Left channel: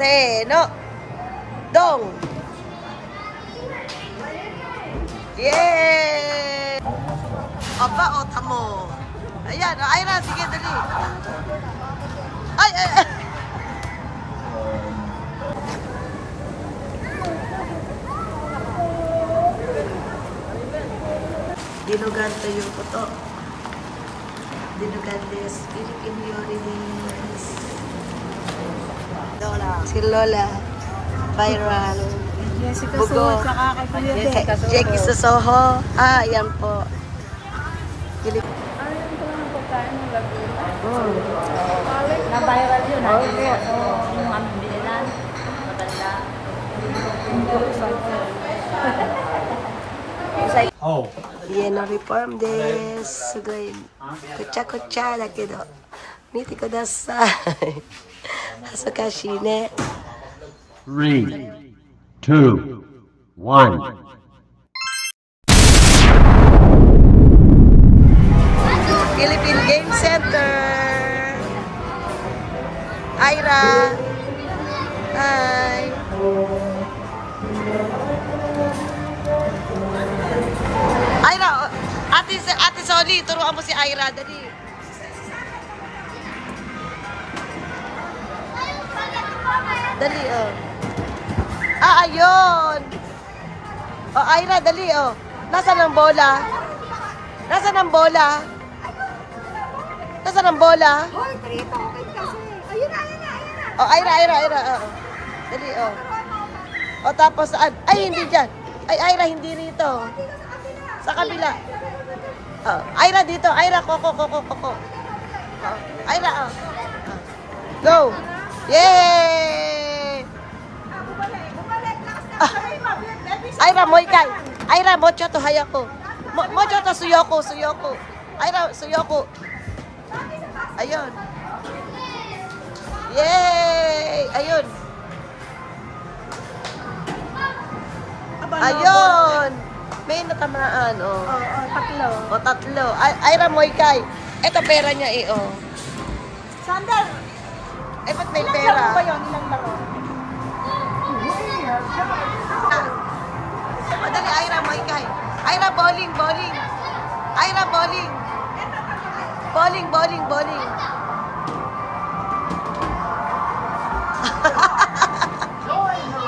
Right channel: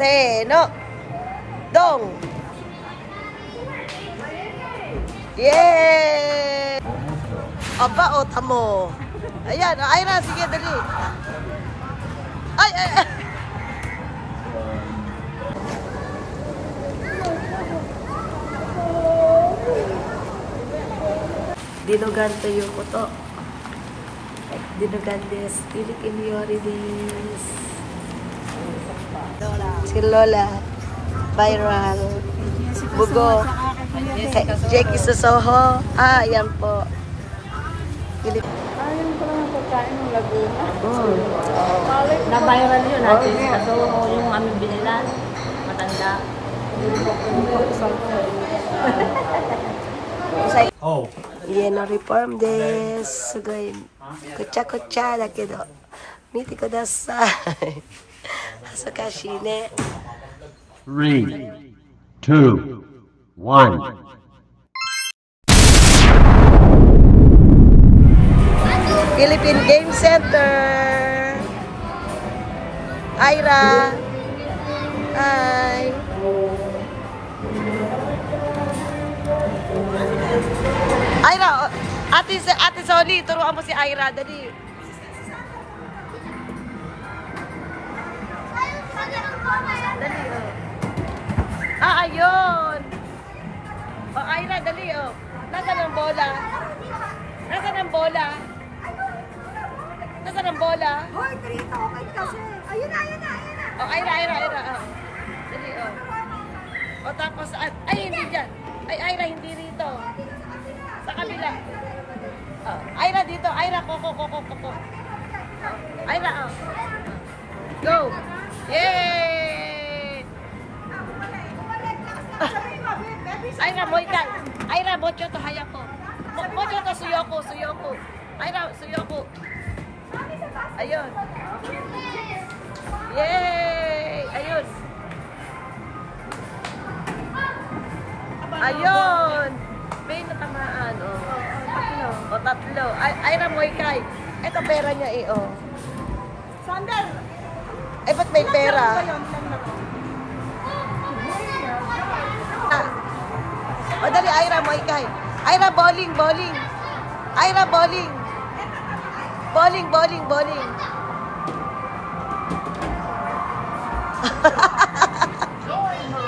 Seno. Dong. Yay! Aba, o, tamo. Ayan, Ira, sige, dali. Ay, ay, ay. Dinugante yung kuto. Dinugantes. Philippine Yorides. Si Lola. Viral. Bugo. Jackie Sosoho. Ah, yan po. Oh. Na-viral yun. Oh, yeah. So, yung aming bilinan, matanda. Oh. 家のリフォームです。すごいこちゃこちゃだけど見てください。恥ずかしいね。3, 2, 1. Philippine Game Center. Ira. Hi. Ira, Ate Soli, turuan mo si Ira, dali. Dali, oh. Ah, ayun. Oh, Ira, dali, oh. Nasaan ang bola? Nasaan ang bola? Nasaan ang bola? Hoy, dito kasi. Ayun na. Oh, Ira, oh. Dali, oh. Oh, tapos, ay, hindi dyan. Ay, Ira, hindi rito. Sa kabila. Oh, Ira dito. Ira, koko. Oh, Ira, oh. Go. Yay! Ah. Ira, moikay. Ira, mocho to hayako. Mocho to suyoko. Ira, suyoko. Ayun. Yay! Ayun. Ayun. May natamaan, oh. O, tatlo. Ira, moikay. Ito pera niya, eh, oh. Sandal. Eh, ba't may pera? O, dali, Ira, moikay. Ira, bowling. Ira, bowling. Bowling.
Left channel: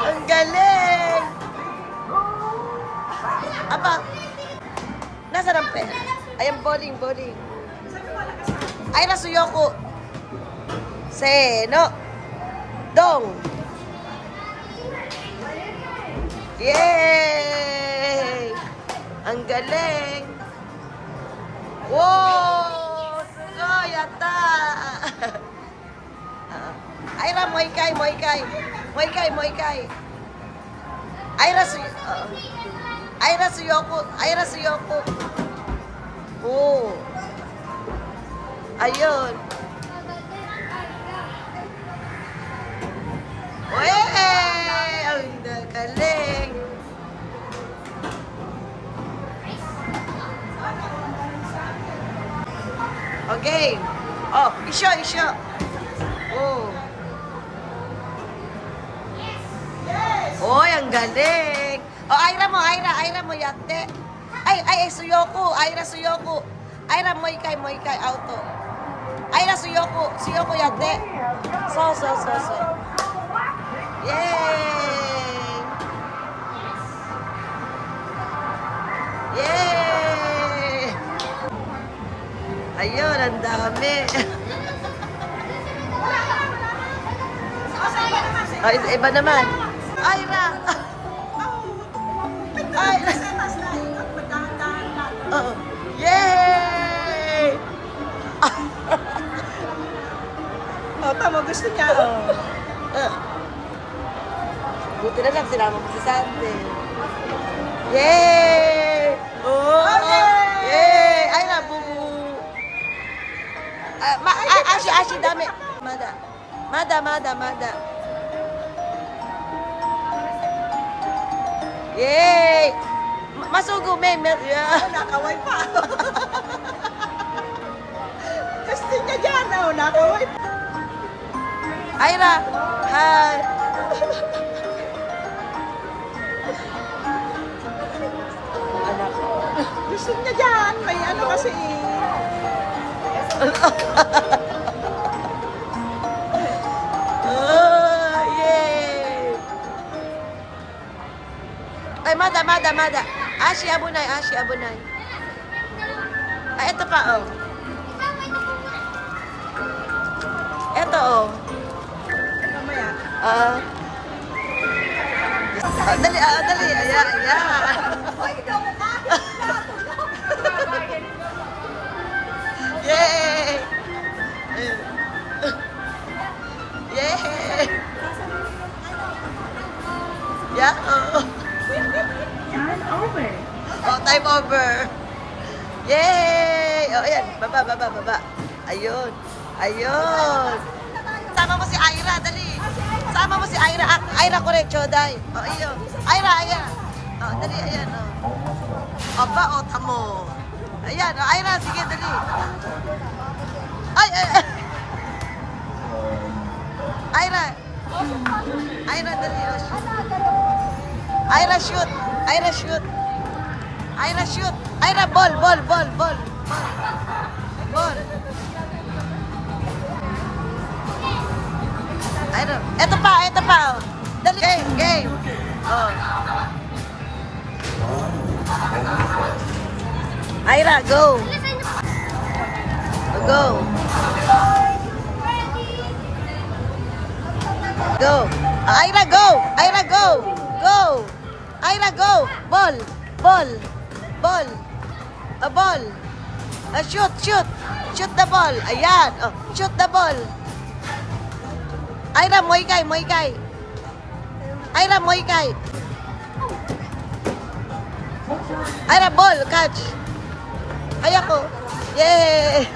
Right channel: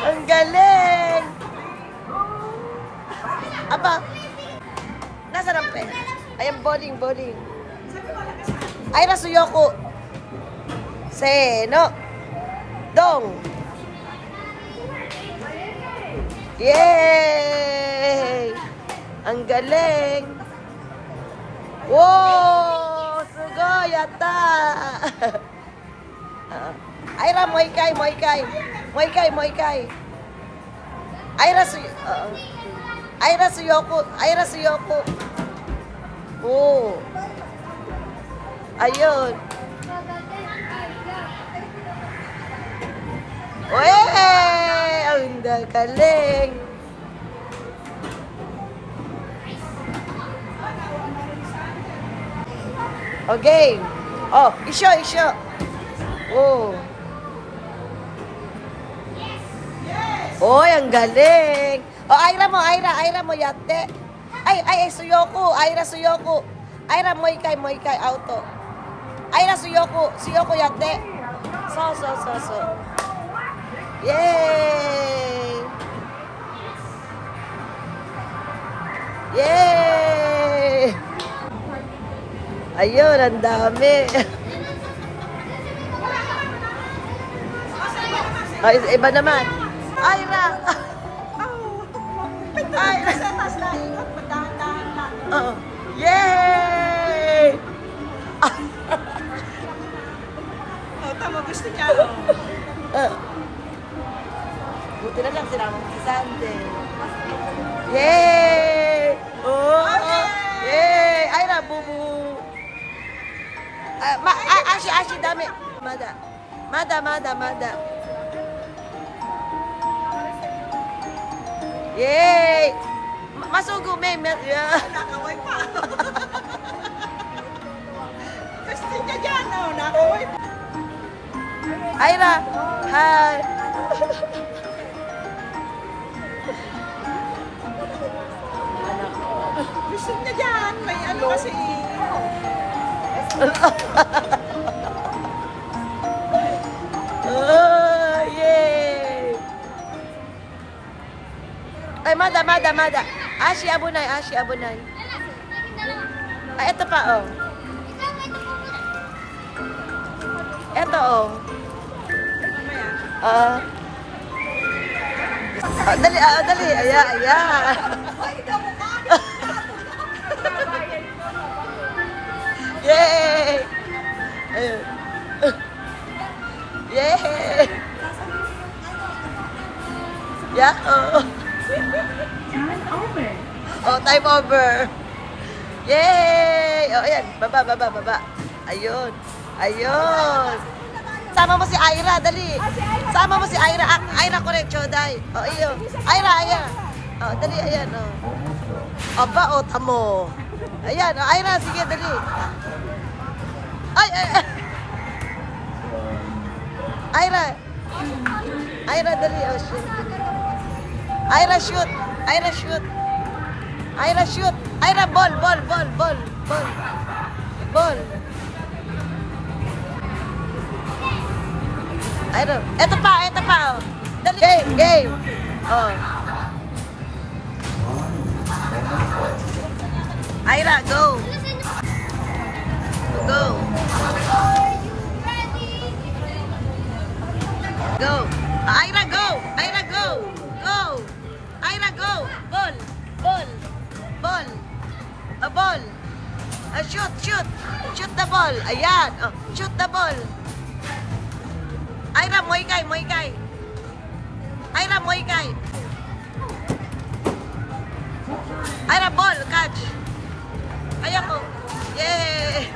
Ang galing! Aba, nasaan ang pera? Ayan, bowling. Ira, suyoko. Seno. Dong. Yay! Ang galing! Wow! Sugoi! Yata! Ira, moikay. Ira, suyoko. Oh. Ayun. Wey! Ang galing! Okay. Oh, isyo. Oh. Oy, ang galing! Oh, Ira mo, yate. Ay, suyoko. Ira, suyoko. Ira, moikay, auto. Ira, suyoko, yate. So. Yay! Ayun, ang dami. Ay, iba naman. Ira! Oh. Yay! Oh, tama, gusto ka. Buti na lang, sinama mo si Sandy. Yay! Oh! Yay! Ira, bubu! Ashi, dami. Mada. Yay! Masugo, may. Yeah. Nakaway pa. Gusto ka dyan, nakaway pa. Ira, hi! Oh, yay! Ay, Mada. Ashi Abunay. Ay, ito pa, oh. Ito, oh. Dali. Ayan. Yay! Ayun. Yay! Yeah, oh. Turn over. Oh, time over. Yay! Oh, ayan. Baba. Ayun. Sama mo si Ira, dali. Sama mo si Ira. Ira ko rin, Choday. Oh, ayun. Ira. Oh, dali, ayan, oh. Aba, oh, tamo. Ayan, oh, Ira, sige, dali. Ay. Ira, dali, oh, shoot. Ira, shoot. Ira, ball. Ira, eto pa, oh. Dali. Game. Oh. Ira, go. Ira, go. Ira, go. Ball. A ball. Shoot. Shoot the ball. Ayan. Oh, shoot the ball. Ira, Muay Thai. Ira, Muay Thai. Ira, ball. Catch. Ay, ako. Yay!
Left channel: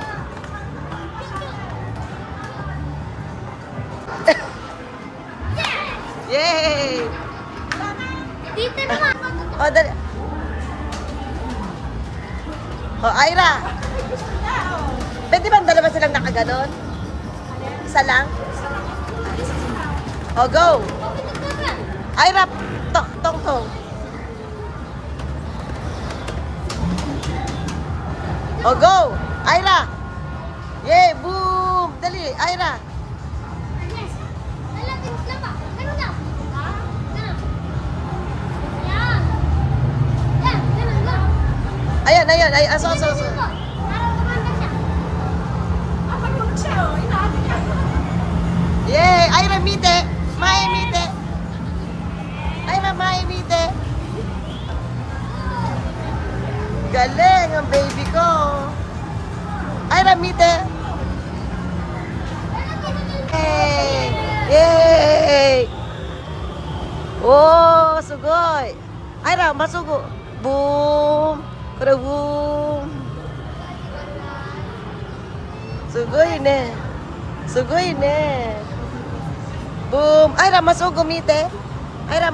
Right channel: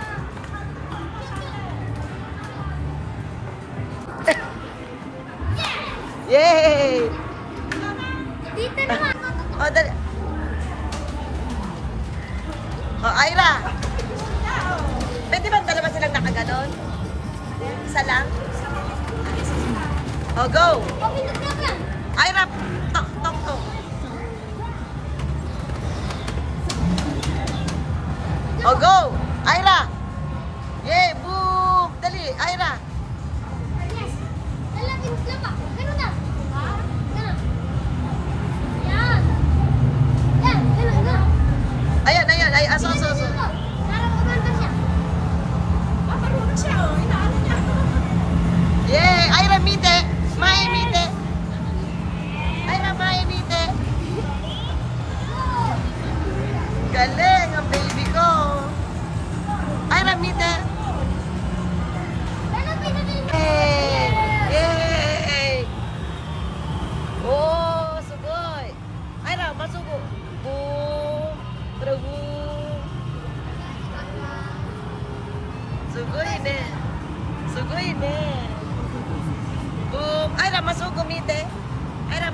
Yay! Oh, dali. Oh, Ira. Pwede bang dalawa silang nakaganon? Isa lang? Oh, go! Ira, tong. Oh, go! Ira! Yay! Boom! Dali, Ira! Ayan. Aso. Yay! Ira, mite! Ira, mite! Galing ang baby ko! Ira, mite! Yay! Oh, sugoi! Ira, masugo! Boom! Boom! Sugoi ne! Boom! Ira, masugo mite! Ira.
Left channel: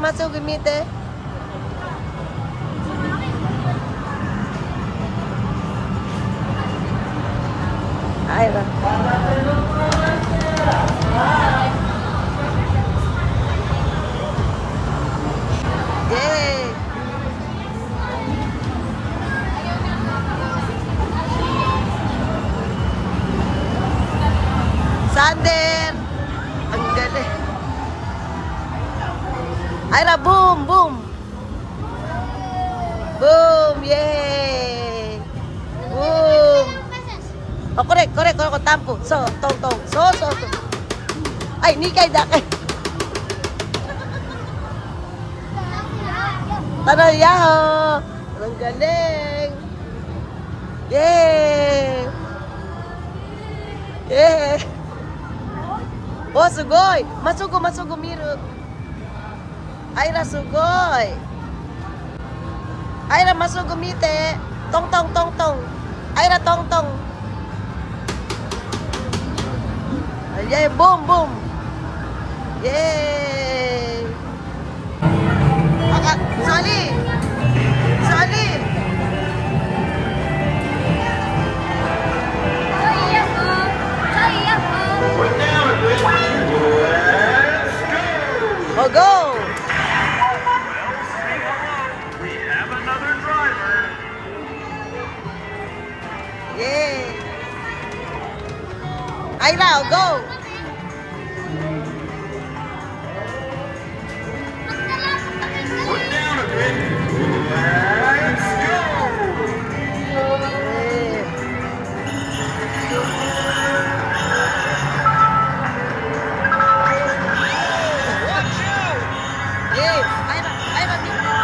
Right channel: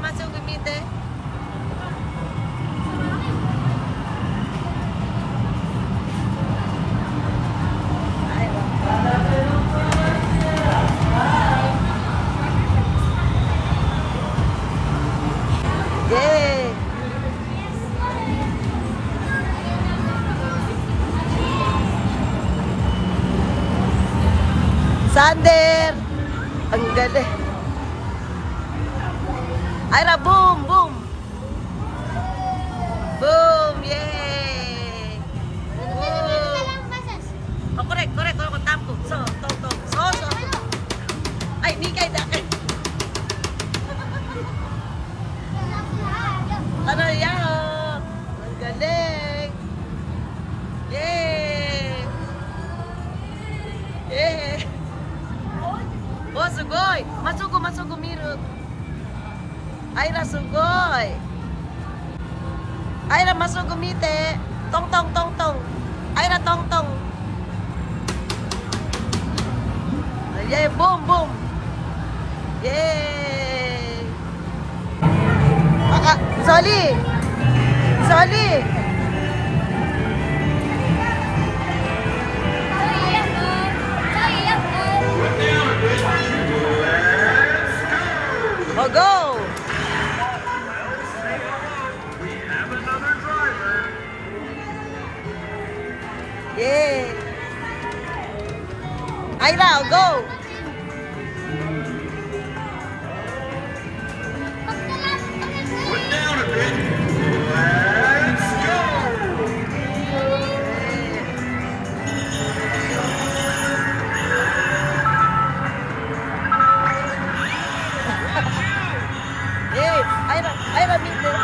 Yay! Sander! Ang galing. Ira, boom! Yay! Boom! Oh, correct. Tampo. So. Ay, nikay dake. Tanayaho! Ang galing! Yay! Oh, sugoi! Masugo, miru! Ira, sugoi! Ira, masugo, mite! Tong! Ira, tong! Yay! Boom! Yay! Soli! Oh, go! Yay! Aira, go! Put down a bit. Let's go. Aira, dito.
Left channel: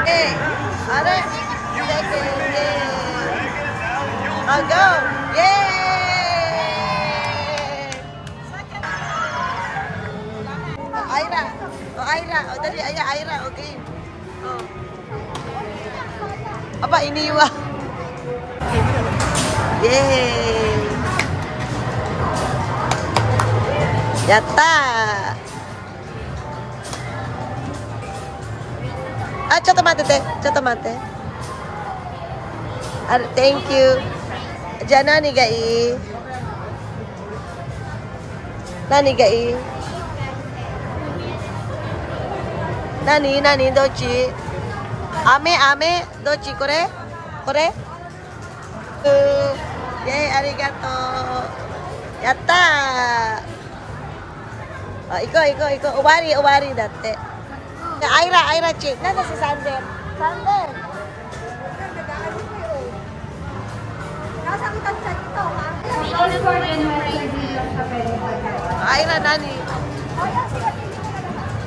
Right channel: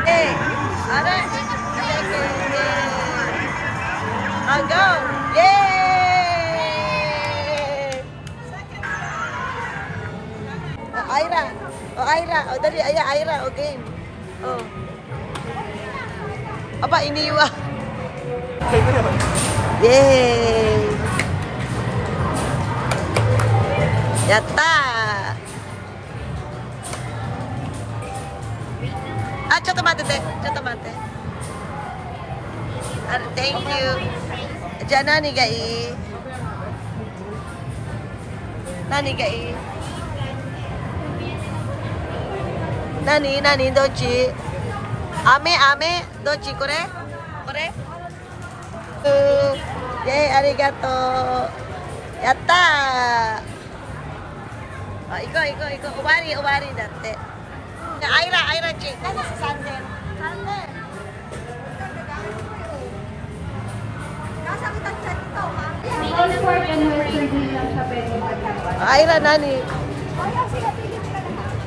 Hey, are, I'll go. Yay! Aira. Aira. Dali, Aira. Okay. Oh. Apa, iniwa. Yay! Yatta! Ah, ちょっと待って。Thank you. じゃあ何がいい？何どっち？飴どっち？これ？イェイ、ありがとう。やったー。あ、行こう。終わりだって。アイラチ。なんだsi Sander? Oxford and Western din lang siya pwede pagkakas. Aira, nani?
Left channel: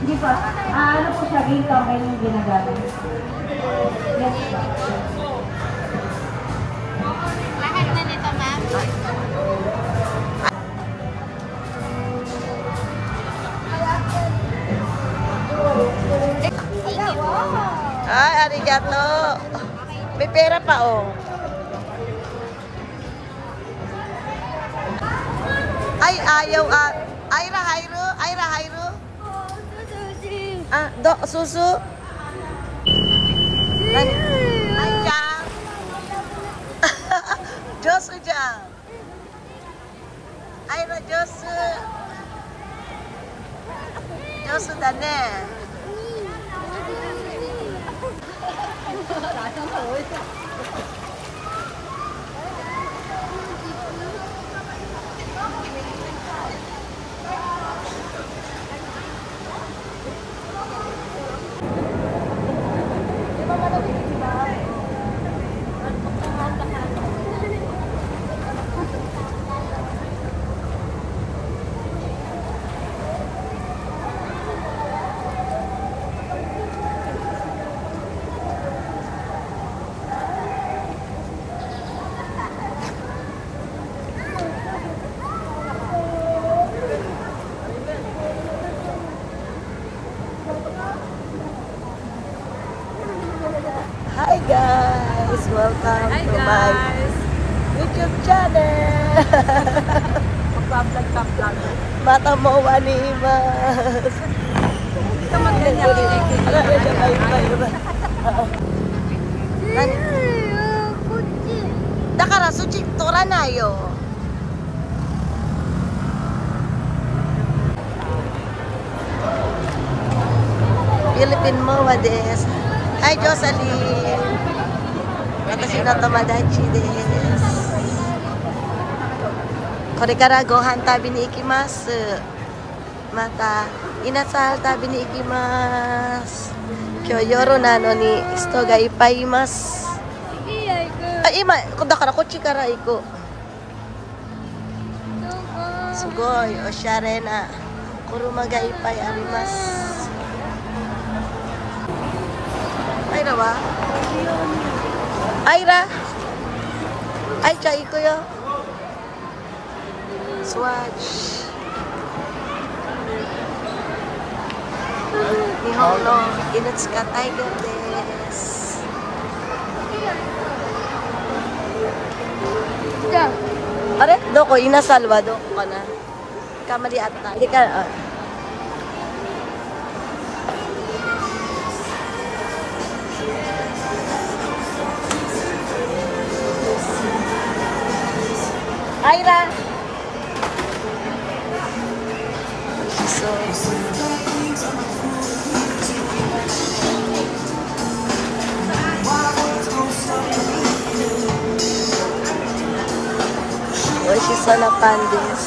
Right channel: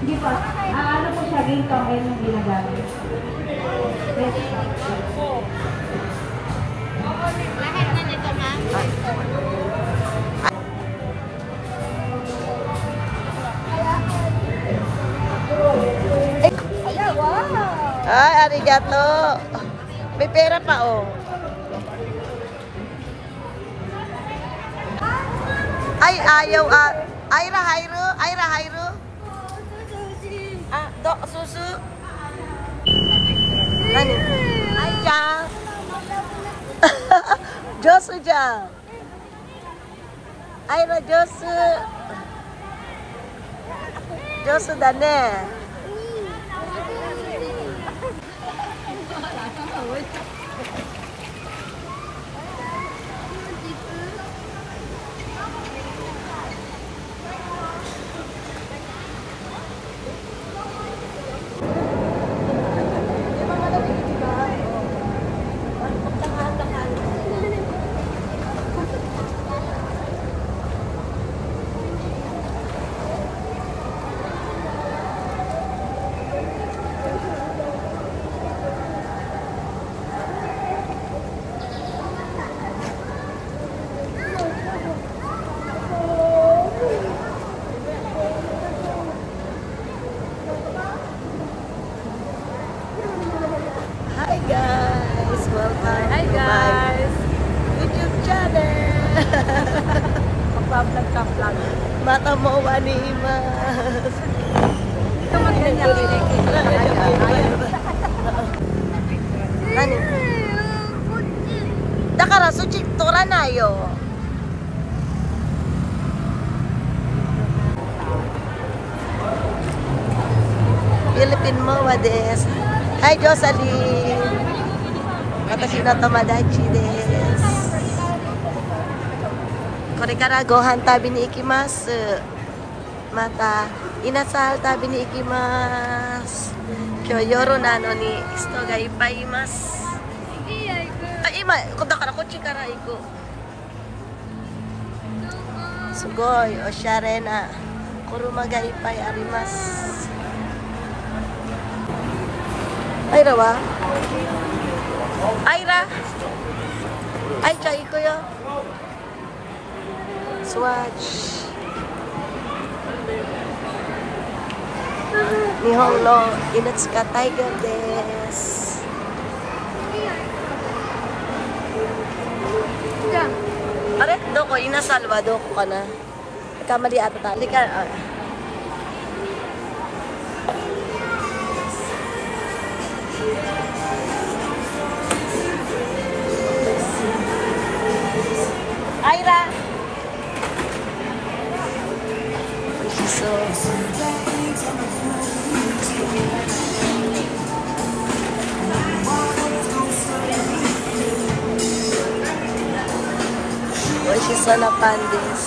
Hindi pa. Ano po siya, green tongue yung ginagamit. Yes. Lahat na nito, ma'am. Ay, arigato. May pera pa, oh. Ay, ayaw, Aira, Hayro. Ah, susu. Nani? Ay, Jang. Josu, Jang. Aira, Josu. Josu da ne. Hi guys! Welcome to my YouTube channel! Mag-vlog. Mata mo wanimas! Hindi ka mag-ganyan. Nani? Dakara, suchik tora na yo! Philippine Mowa des! Hi Jocelyn! Watashi no tomodachi desu. Kore kara gohan tabi ni ikimasu. Mata inasal tabi ni ikimasu. Kyou yoru nano ni hito ga ippai imasu. Ah, ima, dakara kochi kara iku. Sugoi oshare na kuruma ga ippai arimasu. Aira wa? Aira? Aicha, iko yo. Swatch. Nihon no Inutsuka Tiger desu. Are, doko, inasalwa, doko ka na. Kamali ata tayo. Hindi ka, Aira! Oishiso na pandis.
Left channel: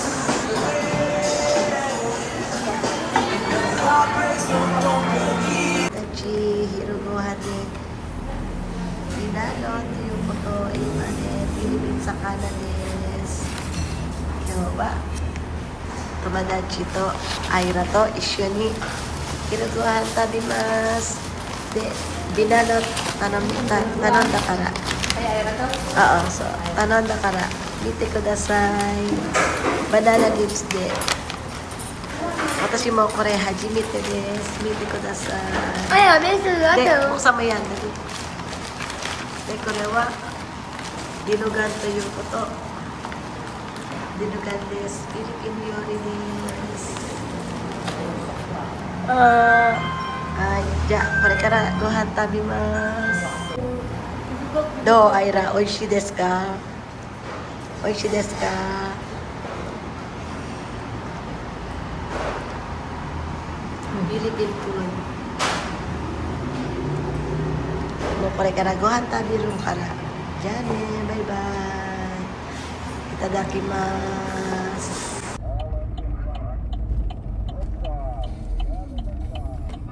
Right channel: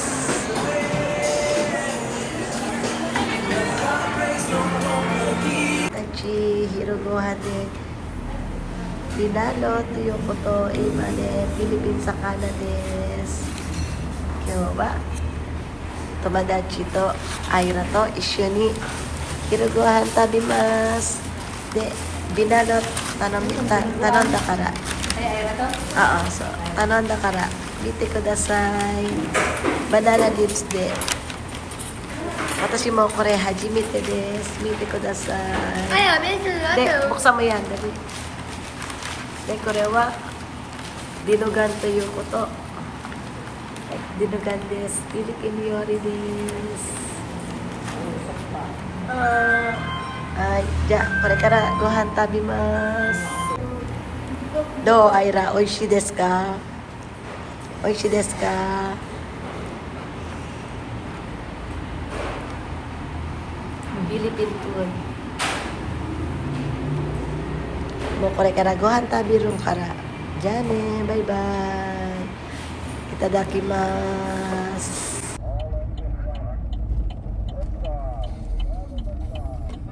Tachi, hirogohade. Pinalo, tuyo koto, imane, Philippines sa Canades. Yoba. Tomadachi to, Aira to, isyoni. Hirogohan tabimas. De, binalot, tanon dakara. Ay, Aira to? Oo, so, tanon dakara. Mite kudasai. Banana dips de. Watashi mo kore hajimite desu. Mite kudasai. De, buksan mo yan, dali. De, kore wa dinugan toyo koto. Dinugan desu. Philippine yori desu. Ay, ja, kore kara gohan tabimasu. Do, Aira, oishi desu ka? Oishi desu ka? Philippine food. Mo kore kara gohan tabirun kara. Jane, bye-bye. Itadakimasu.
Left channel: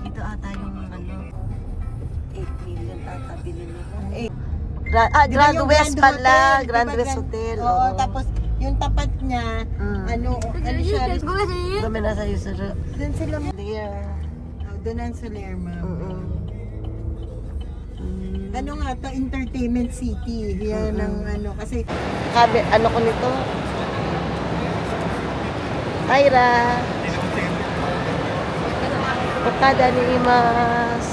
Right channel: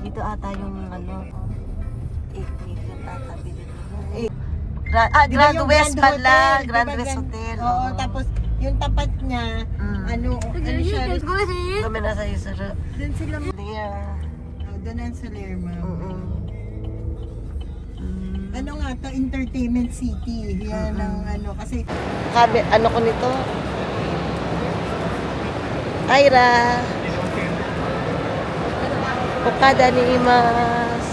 Dito ata yung ano, 8 million ata bilhin nila. Grand West pala. Grand West Hotel. Oo, tapos yung tapat niya, ano siya? Kami nasa Isuro. Doon sila, There. doon ang Salerma. Ano nga to, Entertainment City. Yan ang ano, kasi Kabe, ano ko nito? Aira. Okada ni Imas.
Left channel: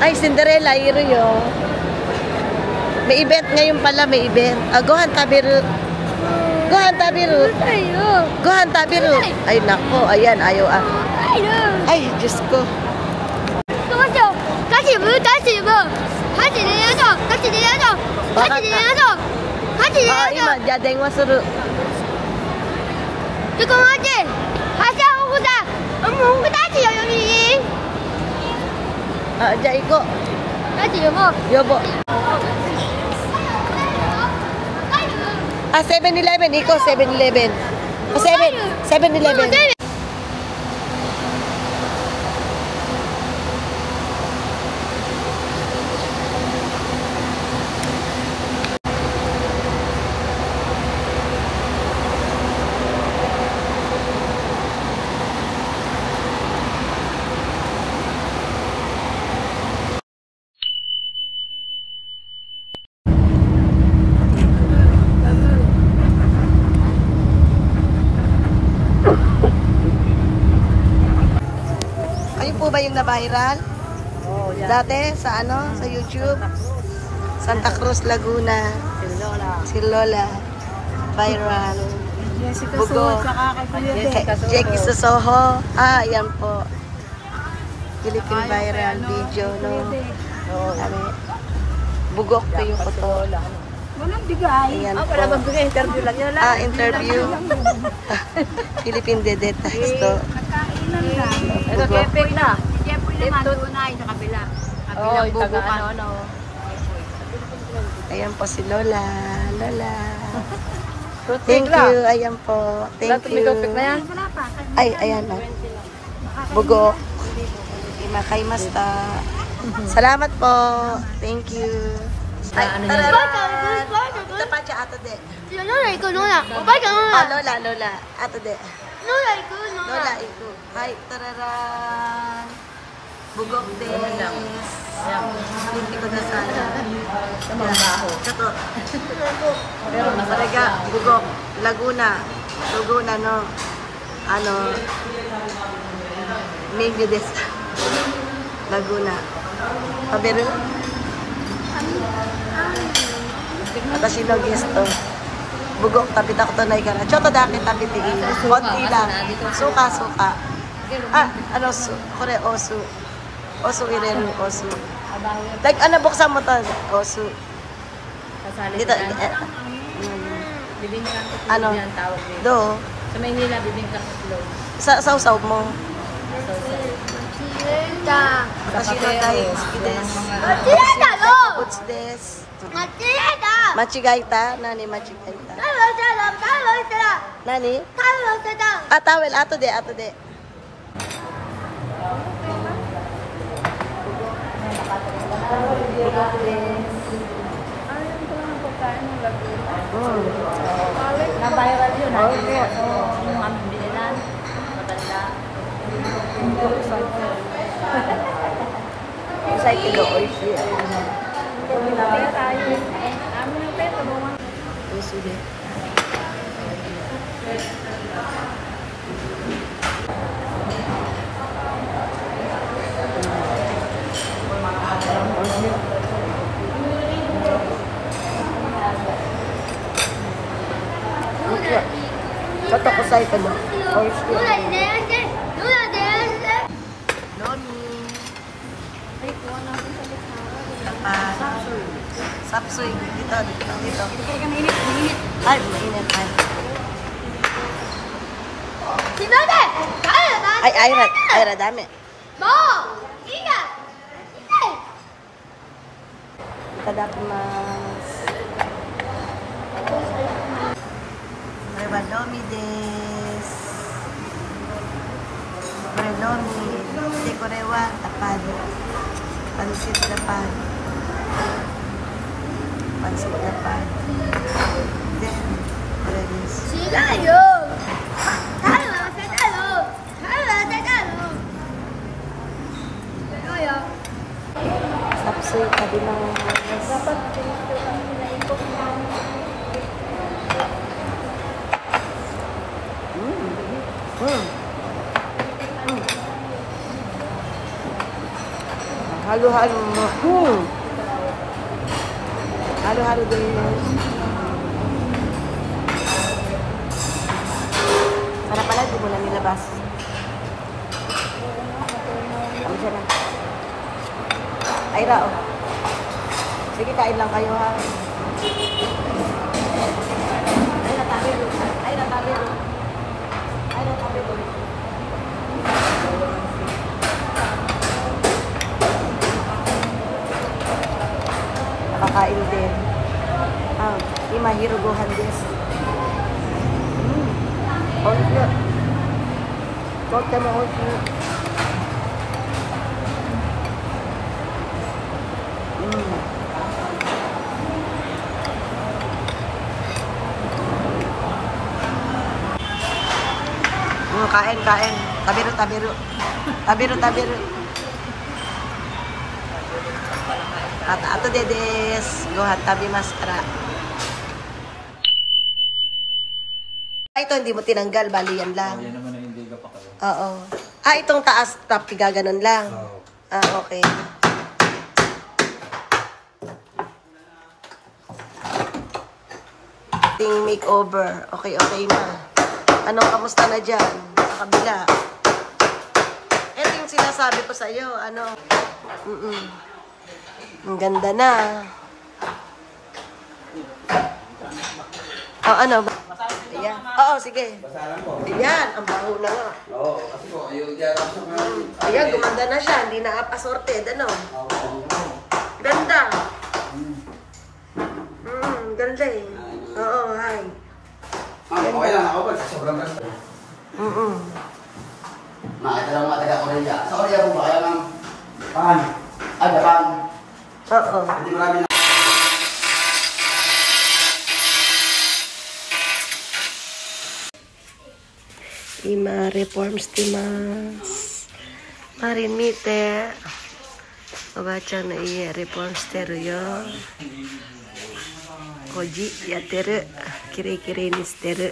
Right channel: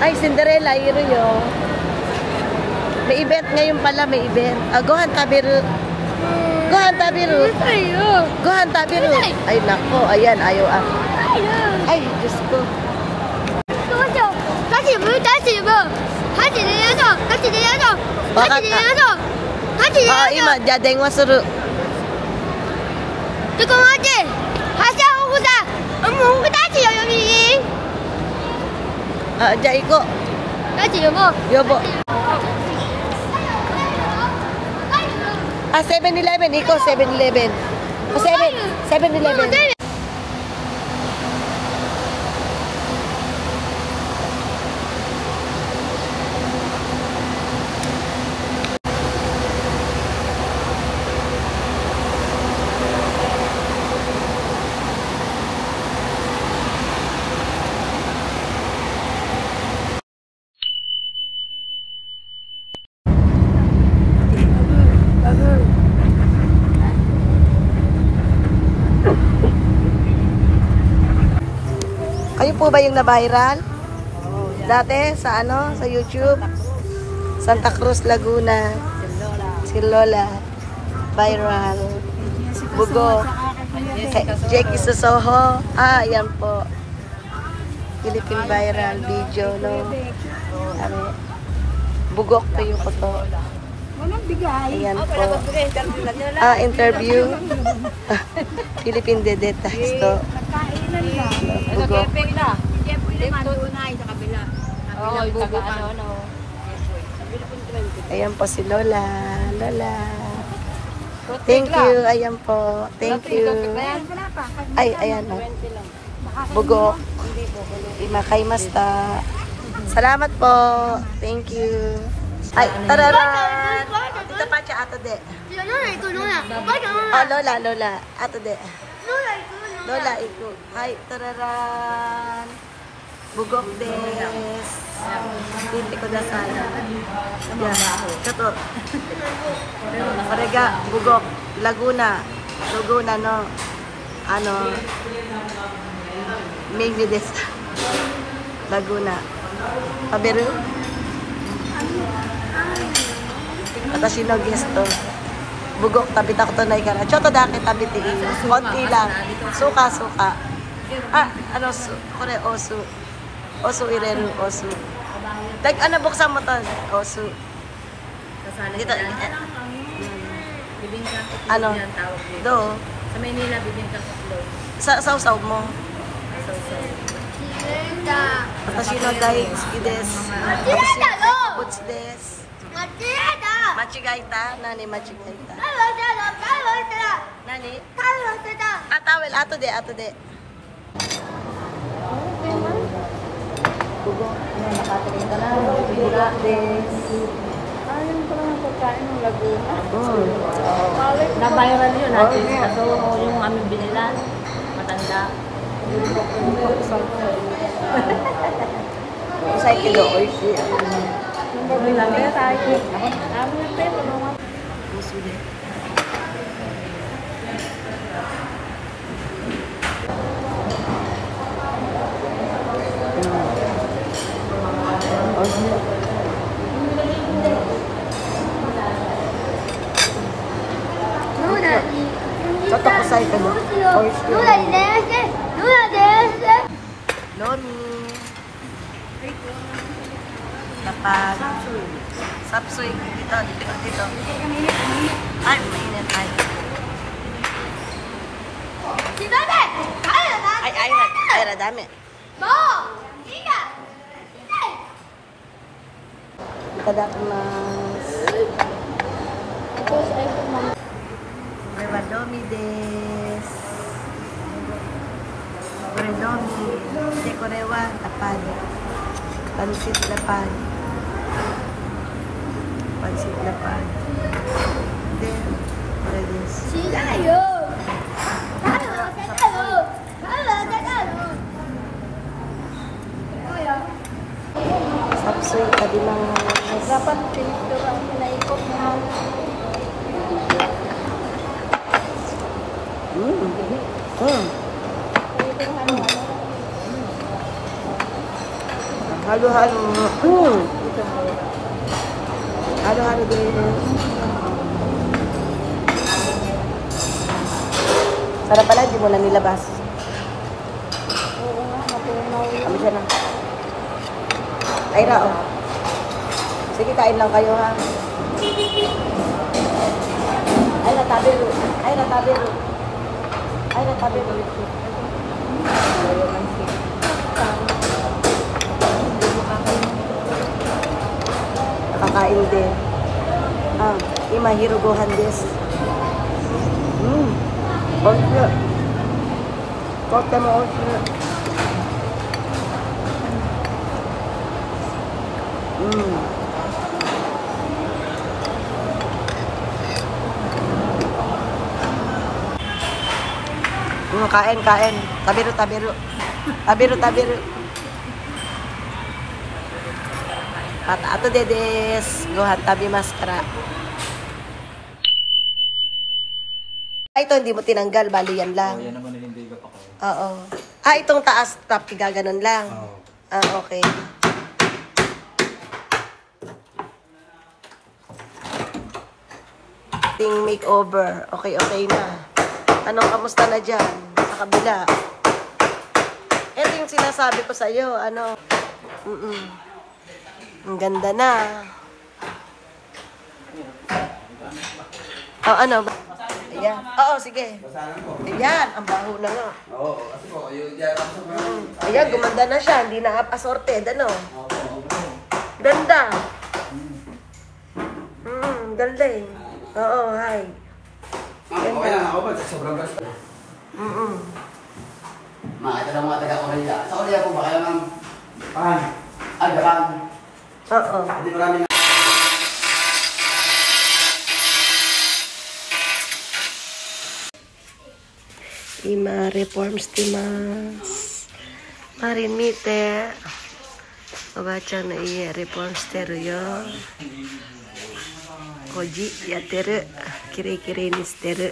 Ay, Cinderella, iro yun. May event ngayon pala, may event. Gohan Tabiru. Gohan Tabiru. Gohan Tabiru. Ay, nako. Ayan, ayaw ako. Ay, Diyos ko. Ima, jadeng masuru. Jai ko. Yobo. 7-Eleven. Iko, 7-Eleven. 7-Eleven. Kayo po ba yung na-viral? Dati sa ano, sa YouTube? Santa Cruz, Laguna. Si Lola. Viral. Bugo. Jackie Sosoho. Ayan po. Philippine viral video, no? Ano? Bugok kayo ko to. Walang bigay. Ayan po. Interview. Philippine Dedetas to. Kainan na. Bugok. Hindi po yung madunay sa kabila. Kabilang bubo ka. Ayan po si Lola. Lola. Thank you. Ayan po. Thank you. Ay, ayan o. Bugok. Imakay-masta. Salamat po. Thank you. Ay, tararan. Tita Pacha, ato de. Oh, Lola, Lola. Ato de. Lola, iko. Hi, tararan. Bugok des. Hindi ko na sana. Yan. Kato. Parega, Bugok. Laguna. Laguna, no? Maybe this. Laguna. Kabiru? Atashi no gesto. Bugok tabi takutonay ka na. Choto dake tabi tiin. Konti lang. Suka. Kore osu. Osu ireru, osu. Buksan mo to. Osu. Dito. Do? Sa Maynila, bibingka ko flow. Sausaw mo. Watashi no daisuki desu. Watashi desu. Machigaita? Nani machigaita? Nani? Towel. Ato de. Bugok desu. Na-viral yun. Oh, yeah. So, yung aming bilinan, matanda. Usay kilo, oishi. Choto kusay ka no? Oishi. Lomi. Dapat. Sapsuy. Dito. Ay, mainit. Ay, Aira, dami. Itadakimasu. Lomi desu. Lomi. De korewa tapad. Pansit lapad. Then, kore desu. Sapsuy itadakimasu. Halo desu. Sarap pala, di mo na nilabas. Kami siya na. Aira, oh. Sige, kain lang kayo, ha. Aira, tabiru. Nakakain din. Imahiro gohan desu. Oishi. Totemo oishi. Kain. Tabiru. Ato dedes. Gohan tabimasu kara. Ito hindi mo tinanggal, bali yan lang. Yan naman na hindi ka pa kayo. Oo. Itong taas top, gaganon lang. Okay. Ting makeover. Okay na. Anong kamusta na dyan? Sa kabila. Ito yung sinasabi ko sa'yo. Ang ganda na. Ano? Ayan. Oo, sige. Ayan, ang baho na nga. Ayan, gumanda na siya. Hindi na assorted, ano? Ganda. Ganda eh. Oo, hi. Ganda. Makita ko na yan. Sa Korea po ba kaya ng pangan? Japan. Oo. Hindi marami na. Ima reforms timas. Marin mite. Oba-chan no ie reforms teru yo. Koji yatteru. Kire-kire ni shiteru.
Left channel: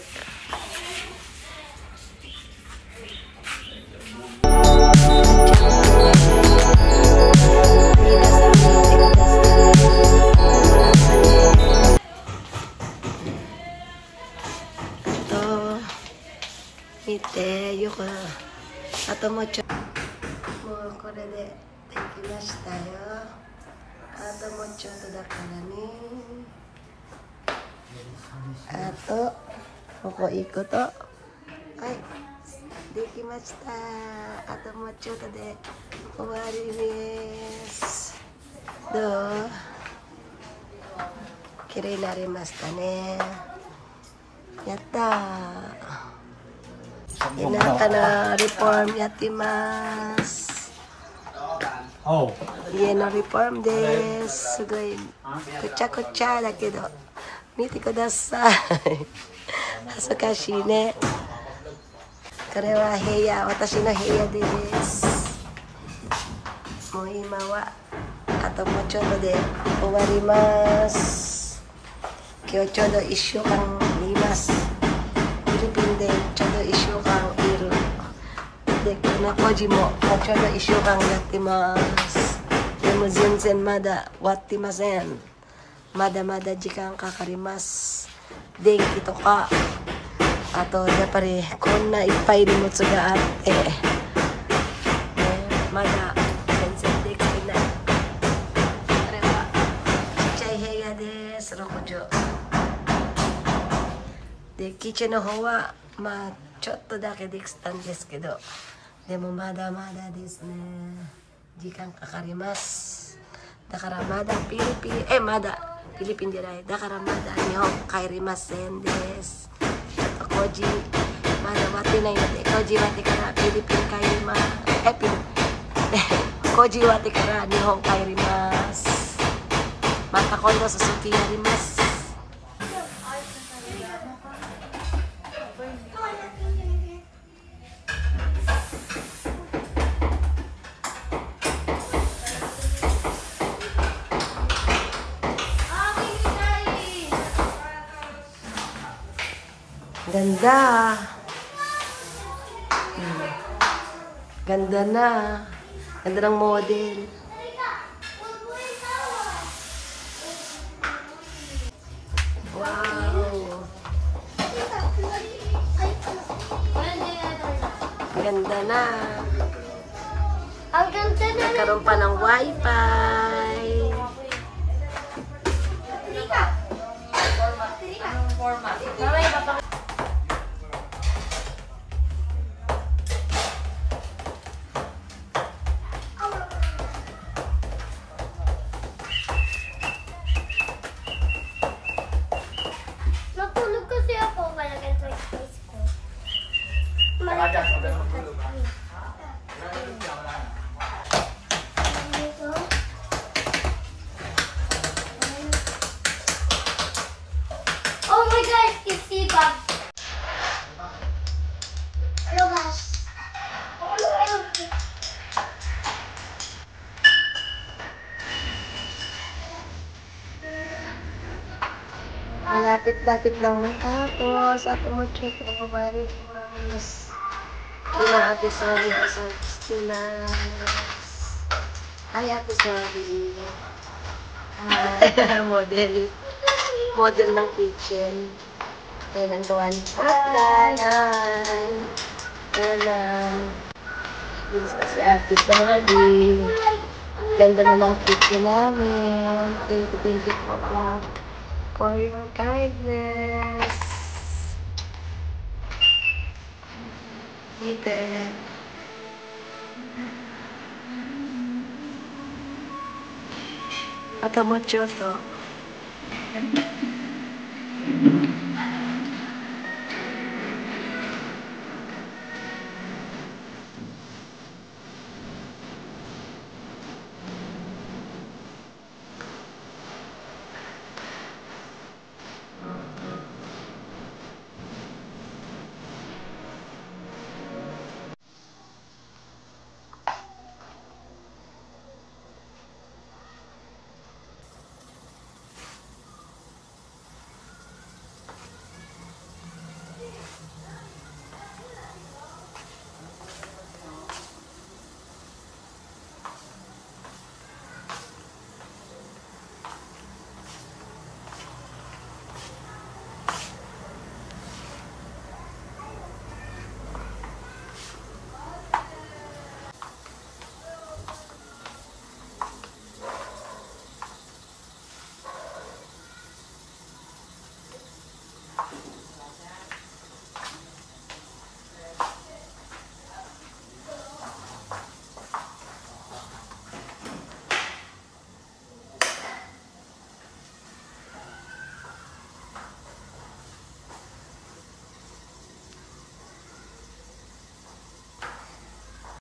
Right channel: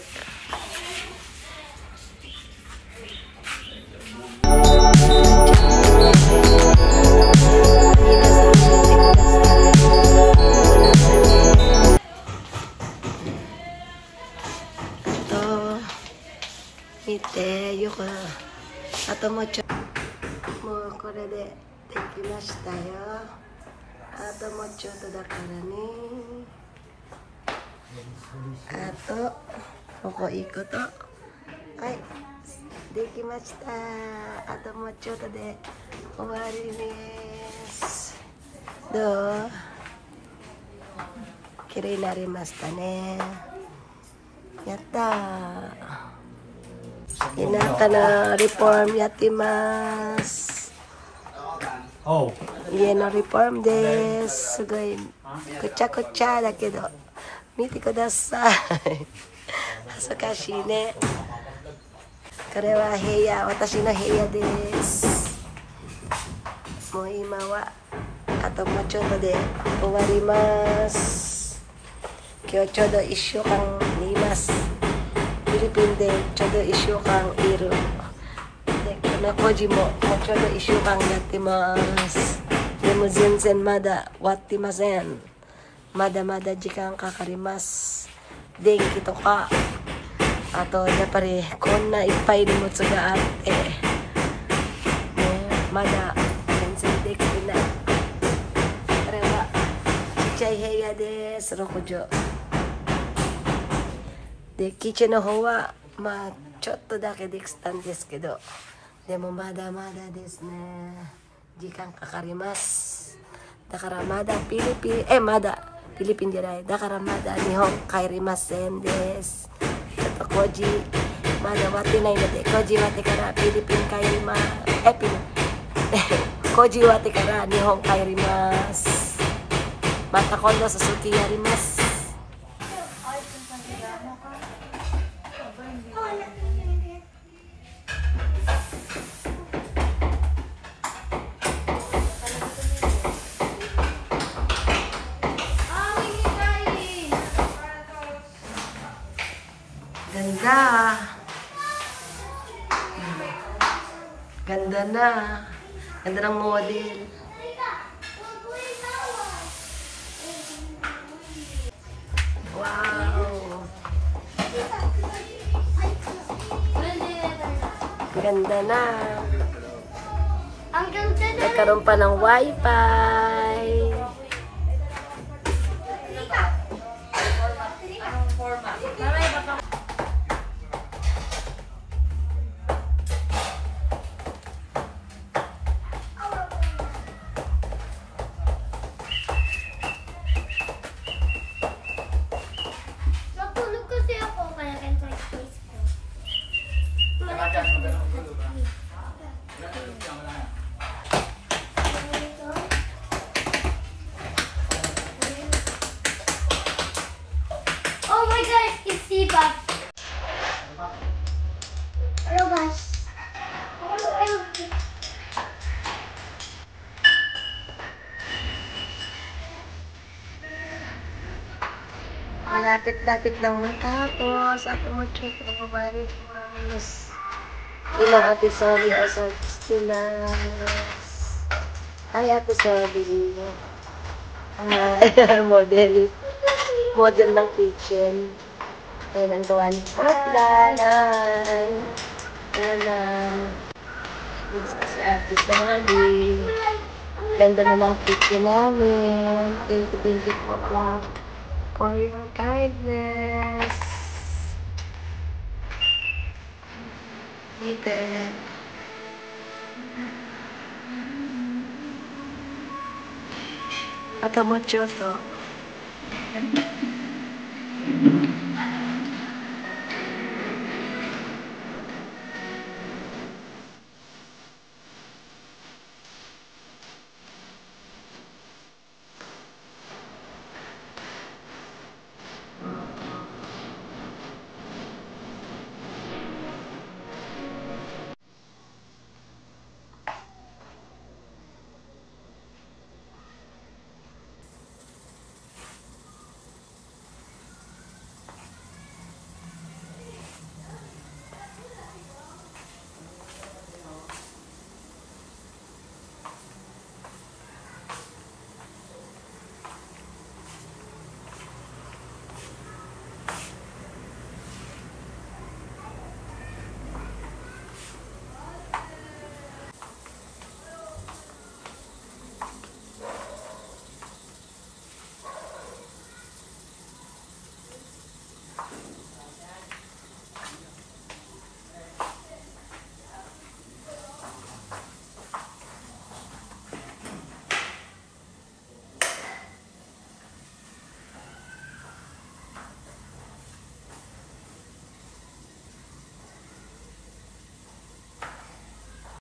見て、よく、あともうちょっと、もうこれでできましたよ。あともうちょっとだからね。あと、ここ行くと、はい、できました。あともうちょっとで終わりです。どう？綺麗になりましたね。やったー。田舎のリフォームやってます。家のリフォームです。すごいくちゃくちゃだけど見てください。恥ずかしいね。これは部屋、私の部屋です。もう今はあともうちょっとで終わります。今日ちょうど1週間います。フィリピンでちょうど1週間いる。で、この工事ももうちょうど1週間やってます。でも全然まだ終わってません。まだまだ時間かかります。電気とか、あとやっぱりこんないっぱい荷物があって、ね、まだ全然できてない。これはちっちゃい部屋です。6畳。で、キッチンの方はまあちょっとだけできたんですけど、でもまだまだですね。時間かかります。だからまだまだフィリピンじゃない。だからまだ日本帰りませんです。ちょっと工事まだ終わってないので、工事終わってからフィリピン帰ります。工事終わってから日本帰ります。また今度続きやります。Ganda. Ganda na. Ganda ng model. Wow. Ganda na. Nagkaroon pa ng wifi. Oh my god, it's Steve-Bob. Oh gosh. Malapit-lapit lang matapos. Ako mo check ang mabari mas ilang episode sa Stinas. Ay, episode. Model ng kitchen. Ayan ang gawa ni Patlanan. Ayan. This is episode. Ganda na ng kitchen namin. Thank you for your kindness. Dito. Atamocho to.